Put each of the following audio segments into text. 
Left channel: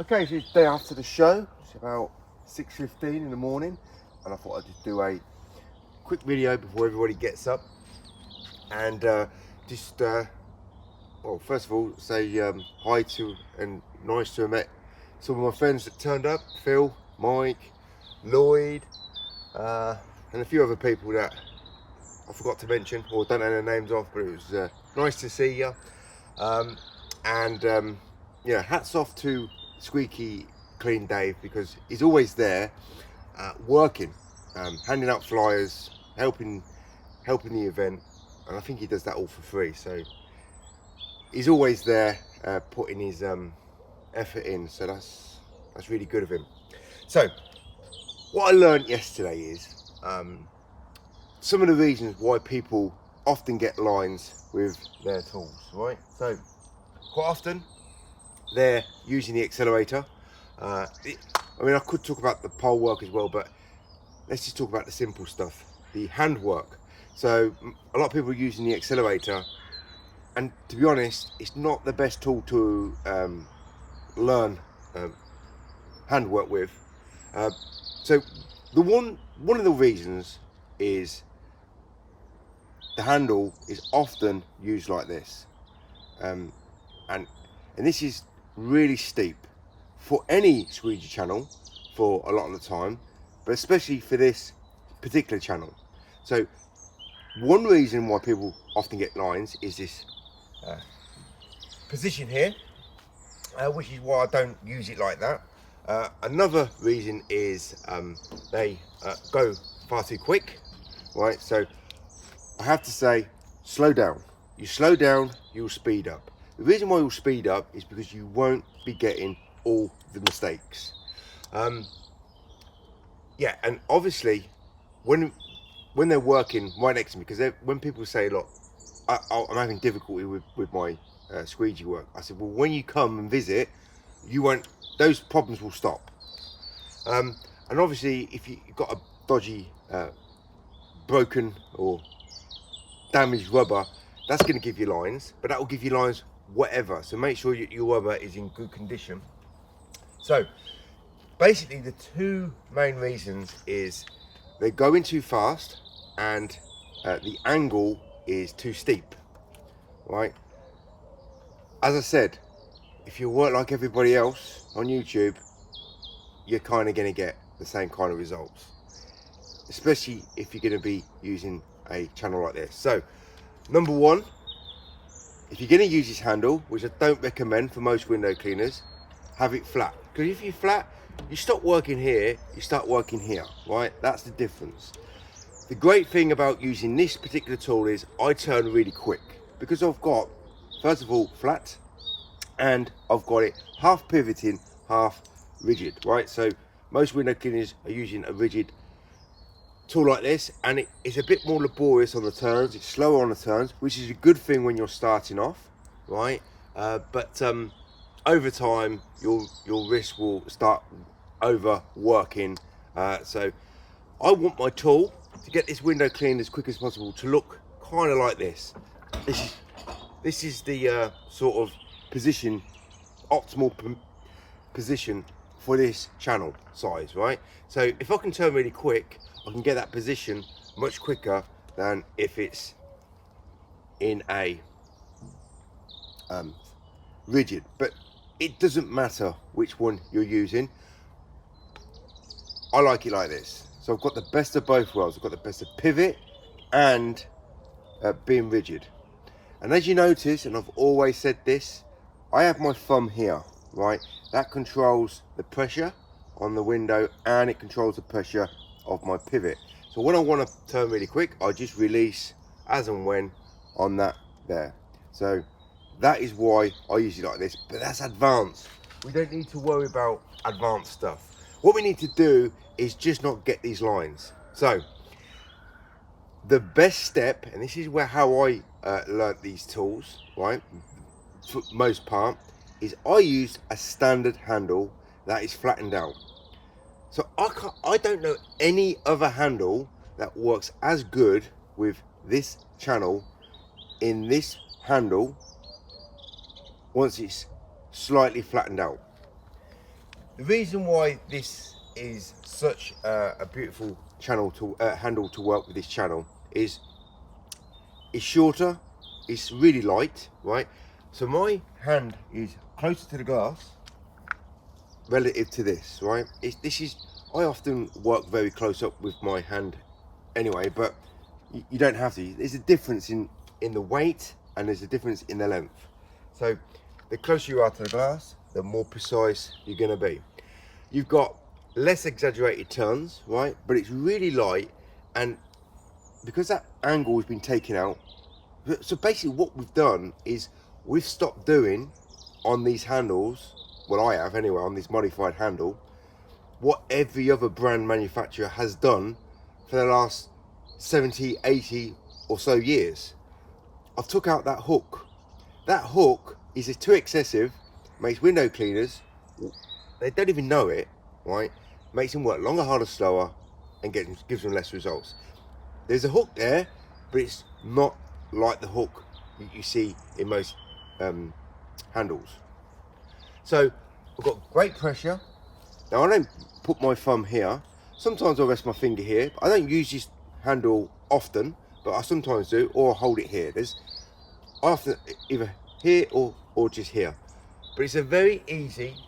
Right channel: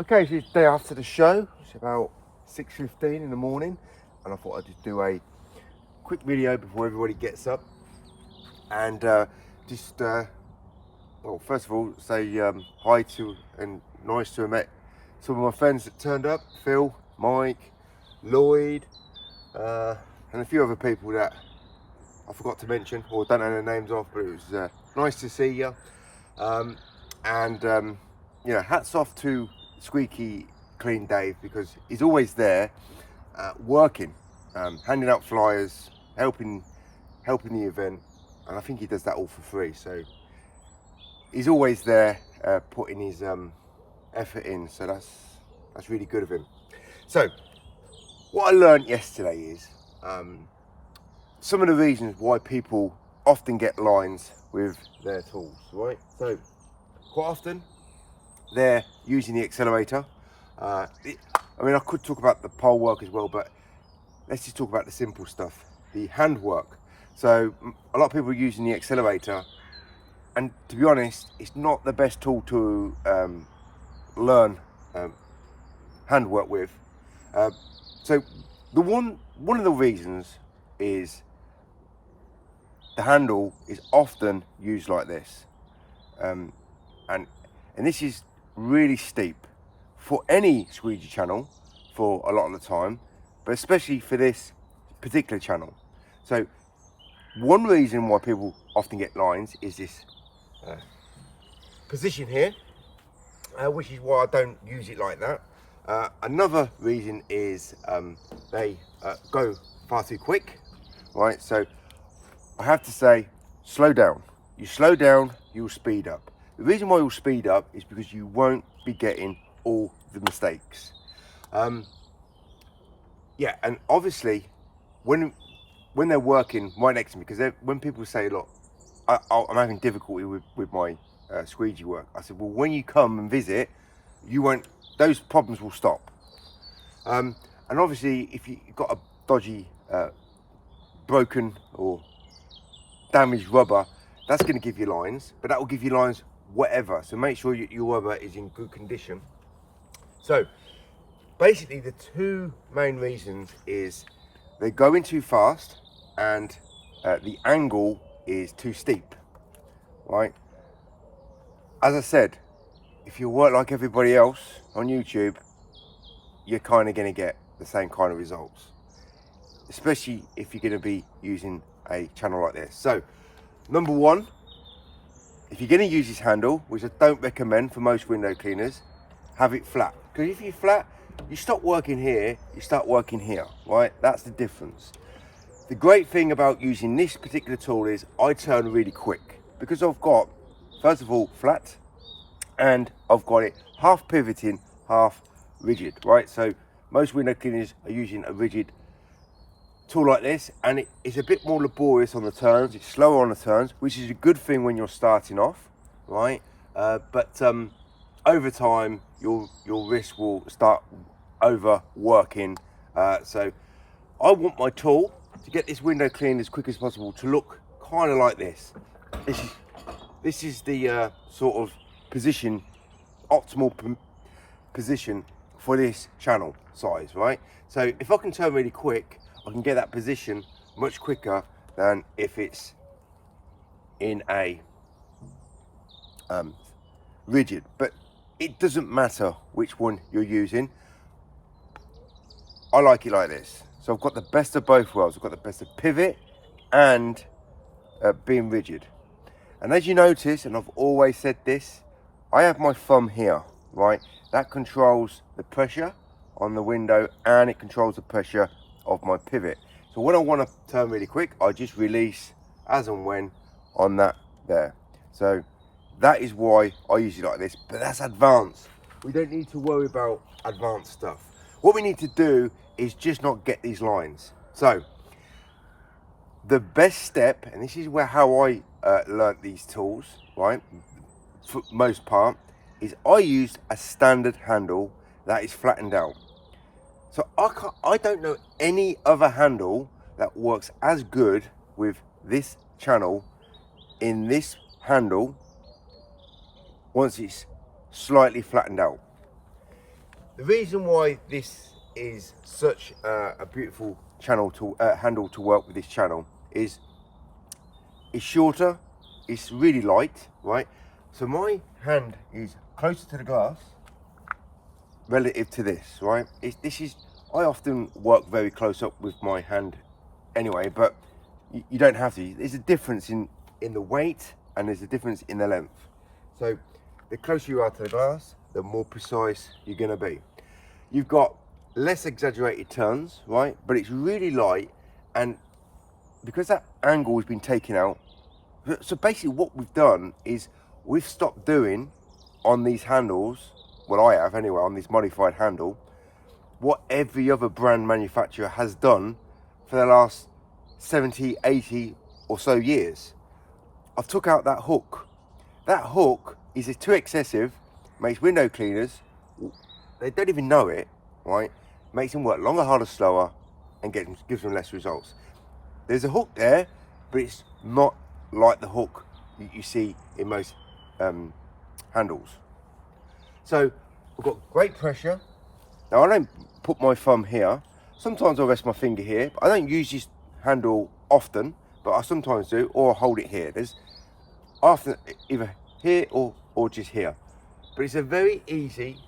Okay, so it's day after the show. It's about 6:15 in the morning, and I thought I'd just do a quick video before everybody gets up, and well, first of all, say hi to and nice to have met some of my friends that turned up: Phil, Mike, Lloyd, and a few other people that I forgot to mention or don't know their names of, but it was nice to see you. Yeah, hats off to Squeaky Clean Dave, because he's always there working, handing out flyers, helping the event, and I think he does that all for free. So he's always there putting his effort in. So that's really good of him. So what I learned yesterday is some of the reasons why people often get lines with their tools, right? So quite often they're using the accelerator. I mean, I could talk about the pole work as well, but let's just talk about the simple stuff, the hand work. So a lot of people are using the accelerator, and to be honest, it's not the best tool to learn hand work with. So one of the reasons is the handle is often used like this, and this is really steep for any squeegee channel for a lot of the time, but especially for this particular channel. So one reason why people often get lines is this position here, which is why I don't use it like that. Another reason is they go far too quick, right? So I have to say, slow down. You slow down, you'll speed up. The reason why you'll speed up is because you won't be getting all the mistakes. Yeah, and obviously, when they're working right next to me, because when people say, look, I'm having difficulty with my squeegee work, I said, well, when you come and visit, you won't, those problems will stop. And obviously, if you've got a dodgy, broken or damaged rubber, that's going to give you lines, but that will give you lines whatever. So make sure your rubber is in good condition. So basically the two main reasons is they're going too fast and the angle is too steep, right? As I said, if you work like everybody else on YouTube, you're kind of going to get the same kind of results, especially if you're going to be using a channel like this. So number one, if you're going to use this handle, which I don't recommend for most window cleaners, have it flat. Because if you're flat, you stop working here, you start working here, right? That's the difference. The great thing about using this particular tool is I turn really quick, because I've got, first of all, flat, and I've got it half pivoting, half rigid, right? So most window cleaners are using a rigid tool like this, and it's a bit more laborious on the turns, it's slower on the turns, which is a good thing when you're starting off, right? But over time your wrist will start overworking. So I want my tool to get this window cleaned as quick as possible to look kind of like this. This is the sort of position, optimal position for this channel size, right? So if I can turn really quick, I can get that position much quicker than if it's in a rigid. But it doesn't matter which one you're using. I like it like this. So I've got the best of both worlds. I've got the best of pivot and being rigid. And as you notice, and I've always said this, I have my thumb here, right? That controls the pressure on the window, and it controls the pressure of my pivot. So when I want to turn really quick, I just release as and when on that there. So that is why I use it like this, but that's advanced. We don't need to worry about advanced stuff. What we need to do is just not get these lines. So the best step, and this is how I learnt these tools, right, for most part, is I use a standard handle that is flattened out. So I don't know any other handle that works as good with this channel in this handle once it's slightly flattened out. The reason why this is such a beautiful channel to handle to work with this channel is it's shorter, it's really light, right? So my hand is closer to the glass relative to this, right? I often work very close up with my hand anyway, but you don't have to. There's a difference in the weight, and there's a difference in the length. So the closer you are to the glass, the more precise you're going to be. You've got less exaggerated turns, right? But it's really light, and because that angle has been taken out, so basically what we've done is we've stopped doing on these handles, well I have anyway, on this modified handle, what every other brand manufacturer has done for the last 70, 80 or so years. I've took out that hook. That hook is too excessive, makes window cleaners, they don't even know it, right? Makes them work longer, harder, slower, and gives them less results. There's a hook there, but it's not like the hook that you see in most handles. So I've got great pressure. Now I don't put my thumb here. Sometimes I'll rest my finger here. I don't use this handle often, but I sometimes do, or I'll hold it here. There's after either here or just here. But it's a very easy,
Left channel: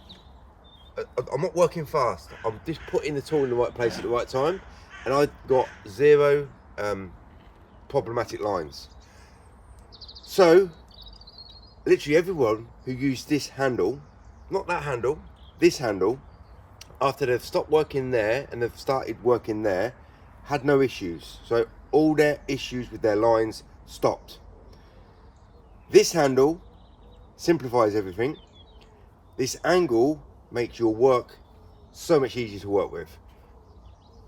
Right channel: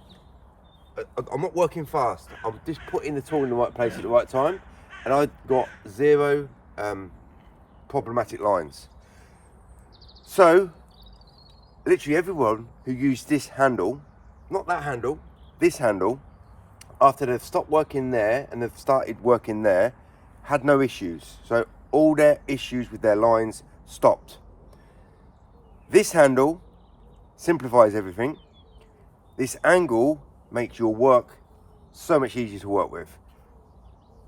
I'm not working fast. I'm just putting the tool in the right place at the right time, and I've got zero problematic lines. So literally everyone who used this handle, not that handle, this handle, after they've stopped working there and they've started working there, had no issues. So all their issues with their lines stopped. This handle simplifies everything. This angle makes your work so much easier to work with.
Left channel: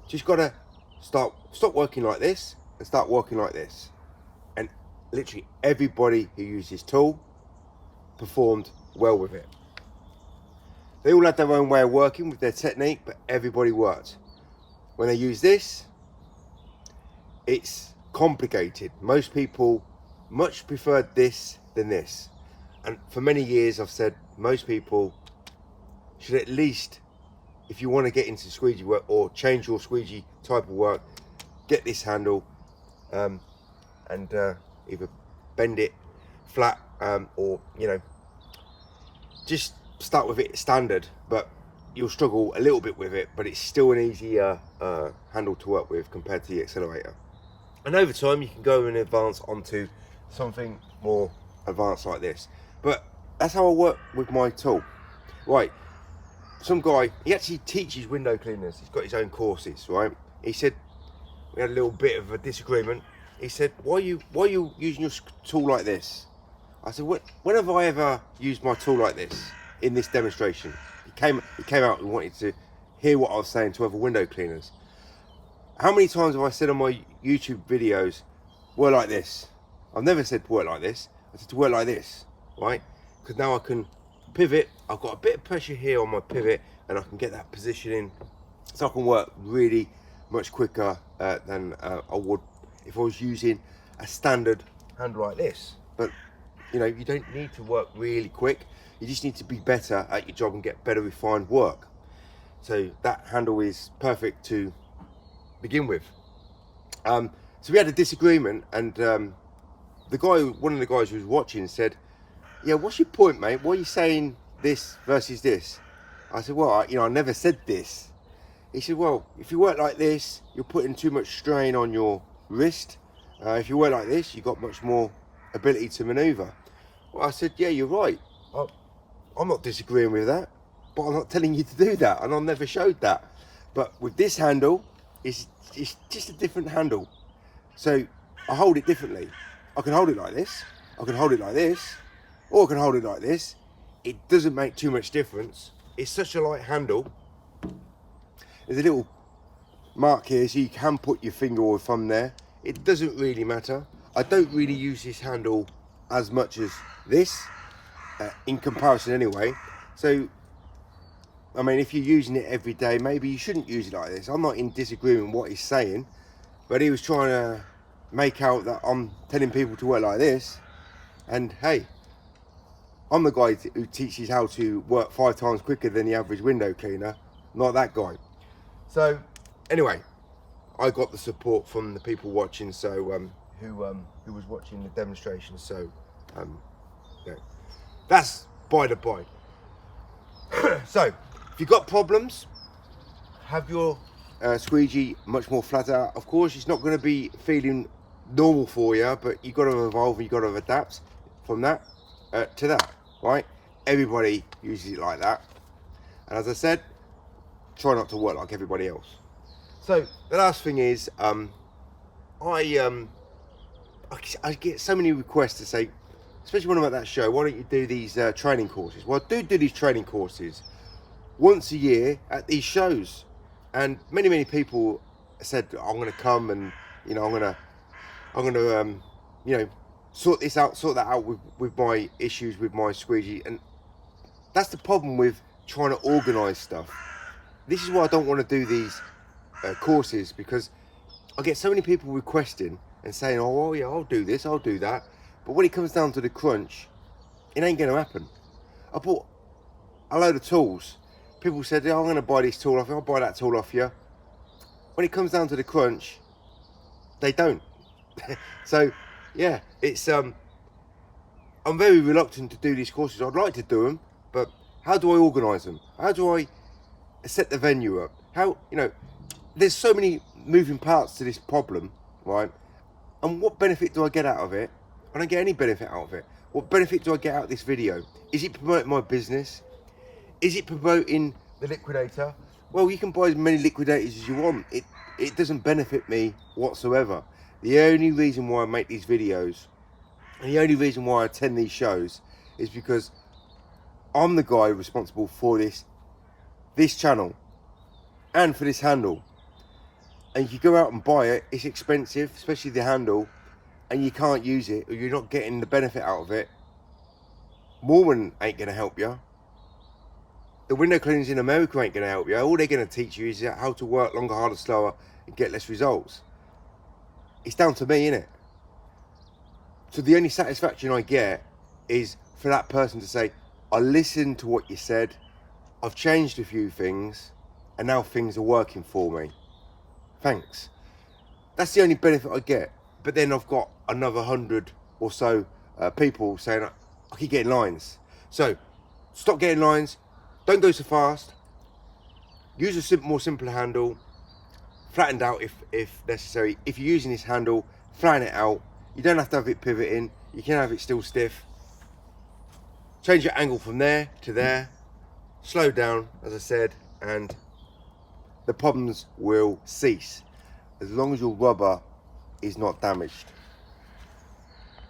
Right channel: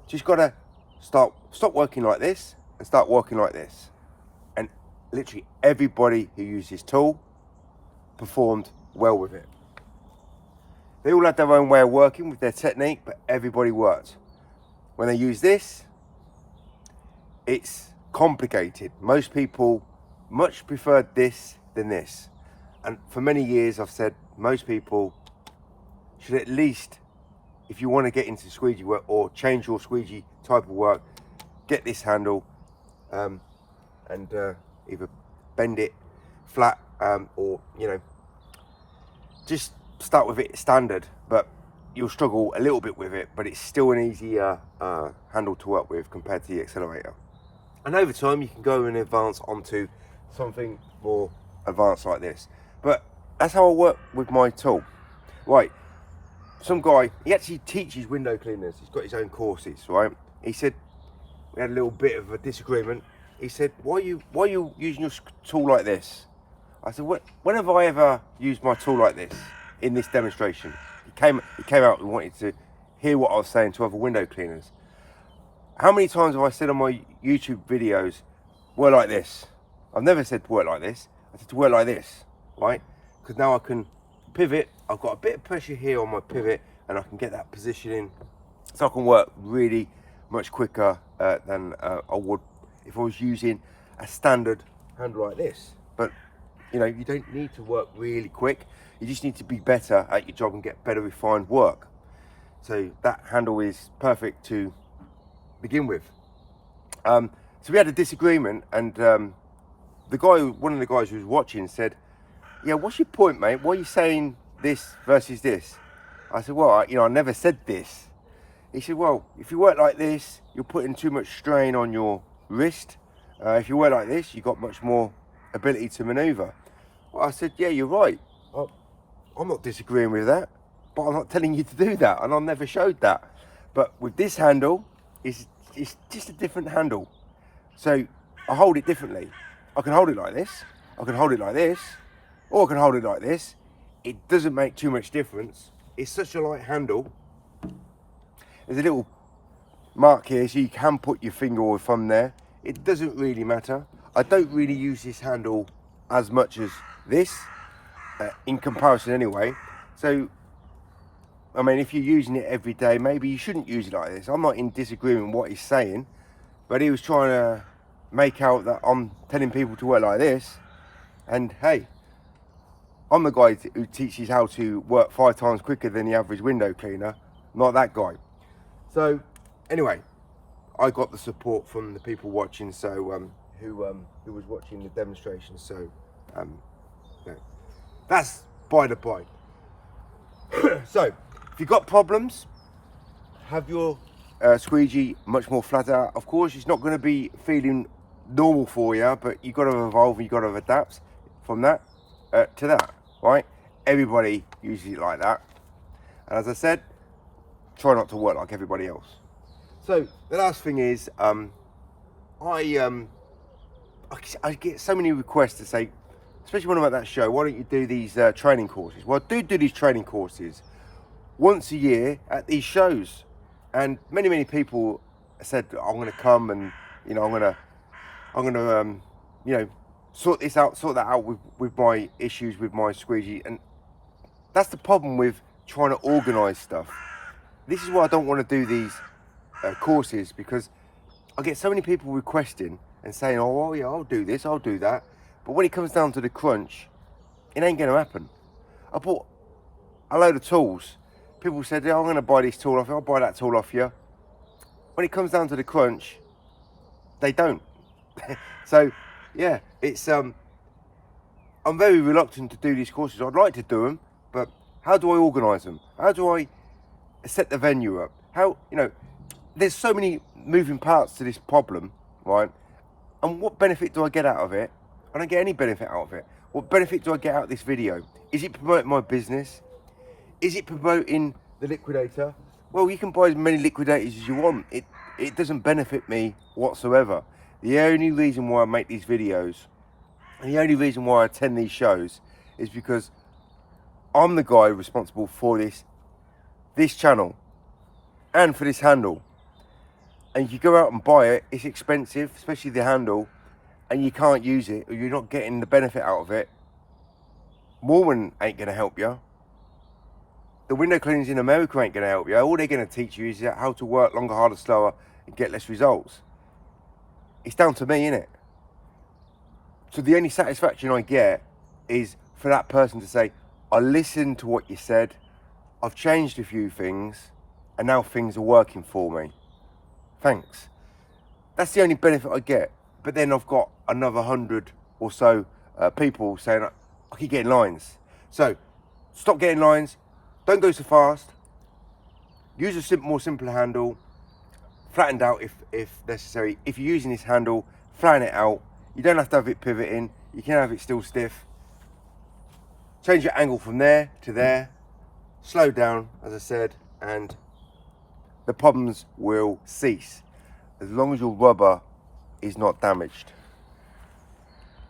Just gotta stop working like this and start working like this. And literally everybody who used this tool performed well with it. They all had their own way of working with their technique, but everybody worked. When they use this, it's complicated. Most people much preferred this than this. And for many years I've said most people should at least, if you want to get into squeegee work or change your squeegee type of work, get this handle and either bend it flat or, you know, just start with it standard, but you'll struggle a little bit with it, but it's still an easier handle to work with compared to the accelerator. And over time you can go and advance onto something more advanced like this. But that's how I work with my tool. Right, some guy, he actually teaches window cleaners, he's got his own courses, right? He said, we had a little bit of a disagreement. He said, why are you using your tool like this? I said, when have I ever used my tool like this in this demonstration? He came out and wanted to hear what I was saying to other window cleaners. How many times have I said on my YouTube videos, work like this? I've never said work like this. I said to work like this, right? Because now I can pivot. I've got a bit of pressure here on my pivot, and I can get that positioning, so I can work really much quicker than I would if I was using a standard handle like this. But you know, you don't need to work really quick. You just need to be better at your job and get better refined work. So that handle is perfect to begin with. So we had a disagreement, and one of the guys who was watching said, yeah, what's your point, mate? Why are you saying this versus this? I said, well, I never said this. He said, well, if you work like this, you're putting too much strain on your wrist. If you work like this, you've got much more ability to maneuver. Well, I said, yeah, you're right. I'm not disagreeing with that, but I'm not telling you to do that, and I never showed that. But with this handle, it's just a different handle. So I hold it differently. I can hold it like this, I can hold it like this, or I can hold it like this. It doesn't make too much difference. It's such a light handle. There's a little mark here, so you can put your finger or thumb there. It doesn't really matter. I don't really use this handle as much as this, in comparison anyway. So, I mean, if you're using it every day, maybe you shouldn't use it like this. I'm not in disagreement with what he's saying, but he was trying to make out that I'm telling people to work like this. And hey, I'm the guy who teaches how to work 5 times quicker than the average window cleaner, not that guy. So anyway, I got the support from the people watching, so who was watching the demonstration. So yeah, that's by the by. So if you've got problems, have your squeegee much more flat out. Of course, it's not going to be feeling normal for you, but you've got to evolve, you've got to adapt from that to that, right? Everybody uses it like that, and as I said, try not to work like everybody else. So the last thing is, I get so many requests to say, especially when I'm at that show, why don't you do these training courses? Well, I do these training courses once a year at these shows, and many people said I'm going to come, and you know I'm going to you know sort that out with my issues with my squeegee. And that's the problem with trying to organize stuff. This is why I don't want to do these courses, because I get so many people requesting and saying, oh well, yeah, I'll do this, I'll do that, but when it comes down to the crunch, it ain't going to happen. I bought a load of tools. People said, oh, I'm going to buy this tool off you, I'll buy that tool off you. When it comes down to the crunch, they don't. So yeah, it's I'm very reluctant to do these courses. I'd like to do them, but how do I organize them? How do I set the venue up? How, you know, there's so many moving parts to this problem, right? And what benefit do I get out of it? I don't get any benefit out of it. What benefit do I get out of this video? Is it promoting my business? Is it promoting the liquidator? Well, you can buy as many liquidators as you want. It doesn't benefit me whatsoever. The only reason why I make these videos, and the only reason why I attend these shows, is because I'm the guy responsible for this channel and for this handle. And if you go out and buy it, it's expensive, especially the handle, and you can't use it, or you're not getting the benefit out of it. Mormon ain't going to help you. The window cleaners in America ain't going to help you. All they're going to teach you is how to work longer, harder, slower, and get less results. It's down to me, innit? So the only satisfaction I get is for that person to say, I listened to what you said, I've changed a few things, and now things are working for me. Thanks. That's the only benefit I get. But then I've got another 100 or so people saying, I keep getting lines. So stop getting lines. Don't go so fast. Use a more simple handle. Flattened out if necessary. If you're using this handle, flatten it out. You don't have to have it pivoting. You can have it still stiff. Change your angle from there to there. Slow down, as I said, and the problems will cease as long as your rubber is not damaged.